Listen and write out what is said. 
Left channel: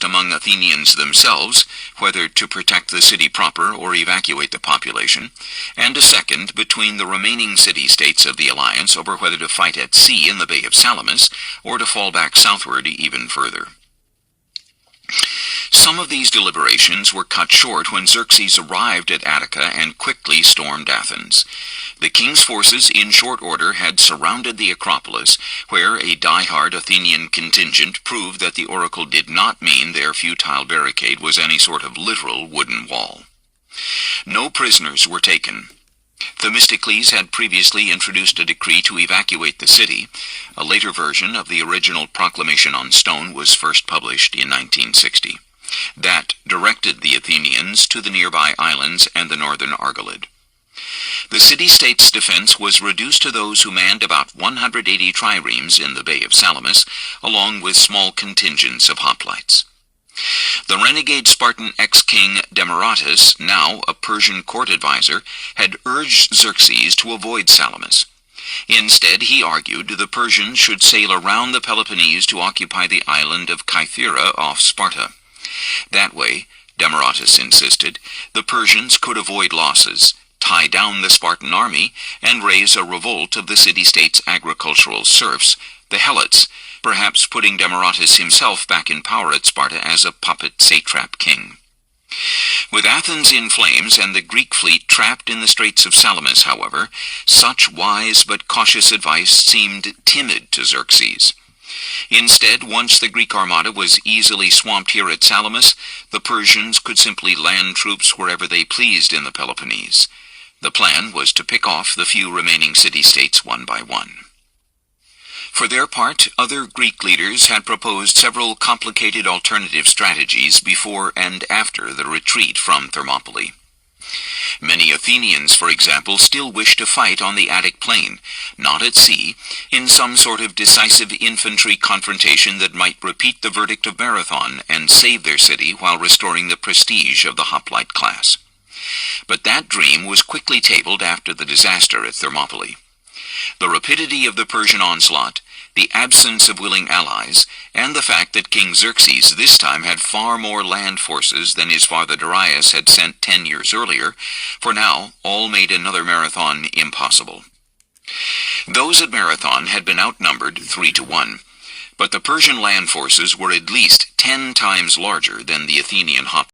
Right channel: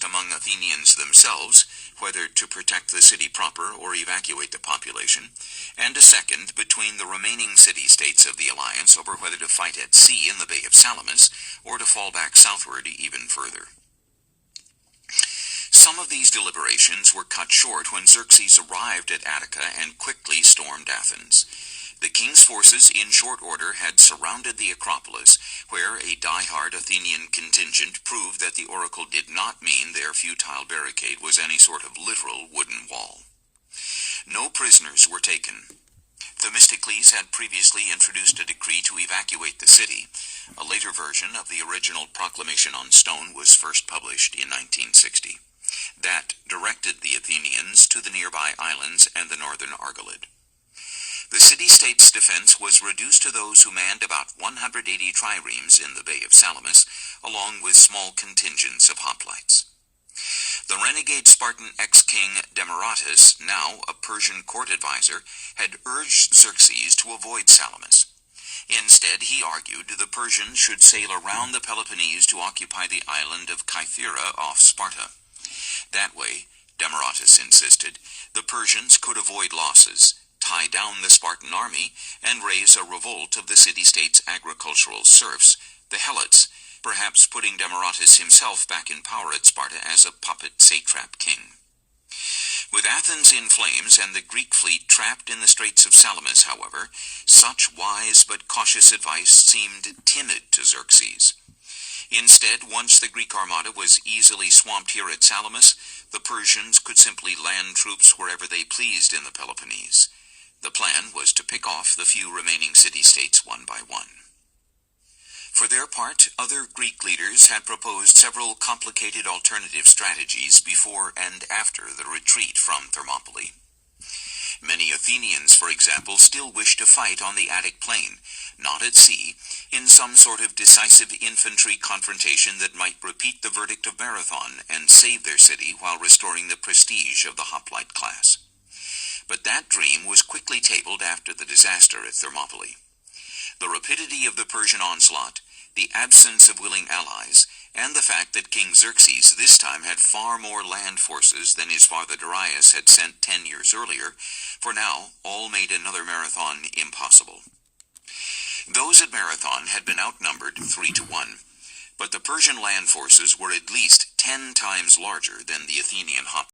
discussed among Athenians themselves, whether to protect the city proper or evacuate the population, and a second between the remaining city-states of the alliance over whether to fight at sea in the Bay of Salamis or to fall back southward even further. Some of these deliberations were cut short when Xerxes arrived at Attica and quickly stormed Athens. The king's forces, in short order, had surrounded the Acropolis, where a die-hard Athenian contingent proved that the oracle did not mean their futile barricade was any sort of literal wooden wall. No prisoners were taken. Themistocles had previously introduced a decree to evacuate the city. A later version of the original proclamation on stone was first published in 1960. That directed the Athenians to the nearby islands and the northern Argolid. The city-state's defense was reduced to those who manned about 180 triremes in the Bay of Salamis, along with small contingents of hoplites. The renegade Spartan ex-king Demaratus, now a Persian court advisor, had urged Xerxes to avoid Salamis. Instead, he argued the Persians should sail around the Peloponnese to occupy the island of Kythera off Sparta. That way, Demaratus insisted, the Persians could avoid losses, tie down the Spartan army, and raise a revolt of the city-state's agricultural serfs, the Helots, perhaps putting Demaratus himself back in power at Sparta as a puppet satrap king. With Athens in flames and the Greek fleet trapped in the Straits of Salamis, however, such wise but cautious advice seemed timid to Xerxes. Instead, once the Greek armada was easily swamped here at Salamis, the Persians could simply land troops wherever they pleased in the Peloponnese. The plan was to pick off the few remaining city-states one by one. For their part, other Greek leaders had proposed several complicated alternative strategies before and after the retreat from Thermopylae. Many Athenians, for example, still wished to fight on the Attic plain, not at sea, in some sort of decisive infantry confrontation that might repeat the verdict of Marathon and save their city while restoring the prestige of the hoplite class. But that dream was quickly tabled after the disaster at Thermopylae. The rapidity of the Persian onslaught, the absence of willing allies, and the fact that King Xerxes this time had far more land forces than his father Darius had sent 10 years earlier, for now all made another Marathon impossible. Those at Marathon had been outnumbered 3-1, but the Persian land forces were at least 10 times larger than the Athenian hoplites.